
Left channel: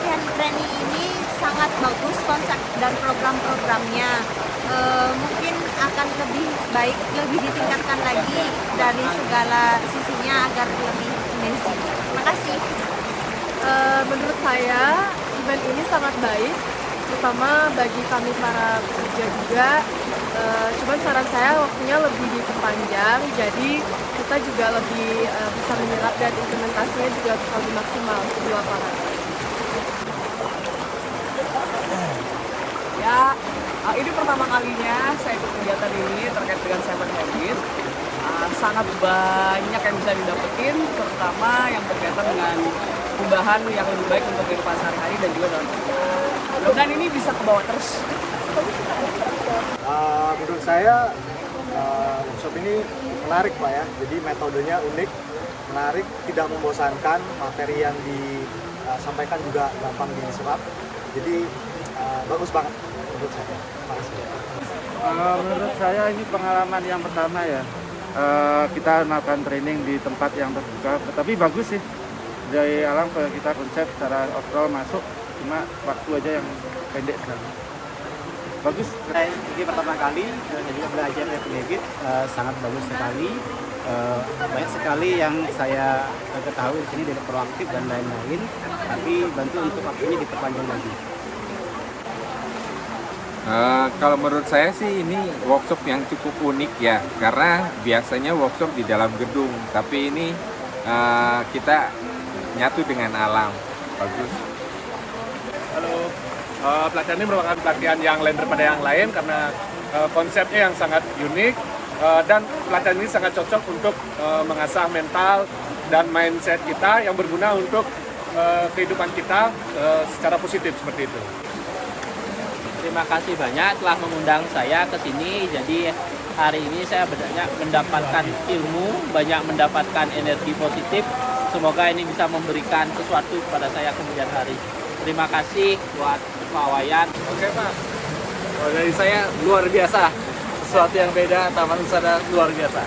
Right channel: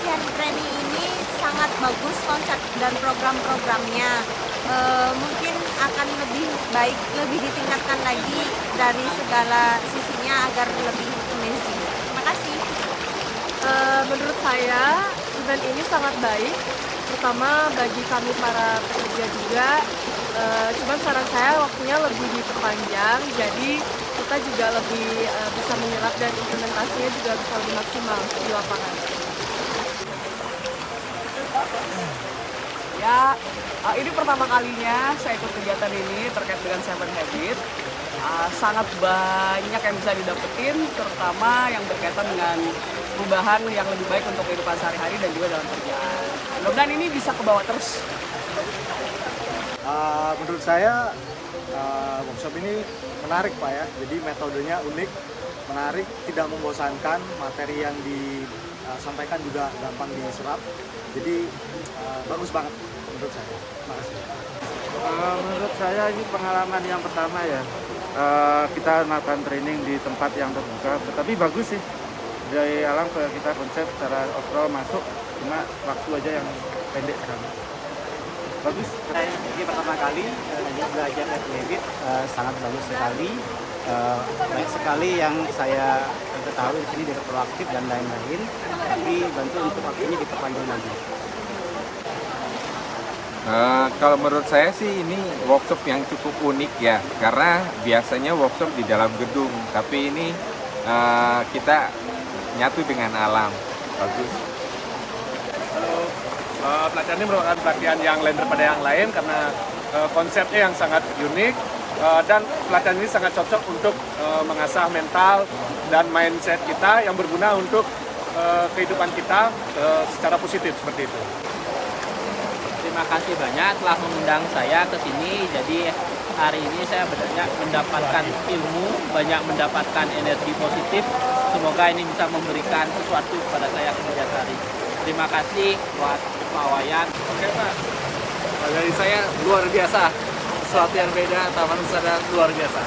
pelatihan training ini sangat bagus konsep dan program-programnya. Mungkin akan lebih baik, lebih ditingkatkan lagi dari segala sisinya agar lebih amazing. Terima kasih. Menurut saya event ini sangat baik, terutama bagi kami para pekerja juga. Cuman saran saya waktunya lebih diperpanjang, jadi kita juga lebih bisa menyerap dan implementasinya juga bisa lebih maksimal di lapangan. Ya, ini pertama kalinya saya ikut kegiatan ini terkait dengan 7 Habits. Sangat banyak yang bisa didapetin, terutama yang berkaitan dengan perubahan yang lebih baik untuk kehidupan sehari-hari dan juga dalam kerjaan. Mudah-mudahan ini bisa kebawa terus. Menurut saya workshop ini menarik Pak ya, jadi metodenya unik, menarik, tidak membosankan, materi yang disampaikan juga gampang diserap, jadi bagus banget menurut saya. Terima kasih. Menurut saya ini pengalaman yang pertama ya, kita melakukan training di tempat yang terbuka, tapi bagus sih. Dari alam ke kita konsep secara overall masuk, cuma waktu aja yang pendek sekali. Bagus. Ini pertama kali saya juga belajar dari Habit, sangat bagus sekali. Banyak sekali yang saya ketahui di sini dari proaktif dan lain-lain, tapi bantu untuk waktunya diperpanjang lagi. Kalau menurut saya sih ini workshop yang cukup unik ya, karena biasanya workshop di dalam gedung, tapi ini kita nyatu dengan alam. Bagus. Halo, pelatihan ini merupakan pelatihan yang lain daripada yang lain karena konsepnya yang sangat unik dan pelatihan ini sangat cocok untuk mengasah mental dan mindset kita yang berguna untuk kehidupan kita secara positif seperti itu. Terima kasih banyak telah mengundang saya ke sini. Jadi hari ini saya banyak mendapatkan ilmu, banyak mendapatkan energi positif. Semoga ini bisa memberikan sesuatu kepada saya kemudian hari. Terima kasih buat Pak Wayan. Oke Pak, dari saya luar biasa. Sesuatu yang beda, Taman Wisata luar biasa.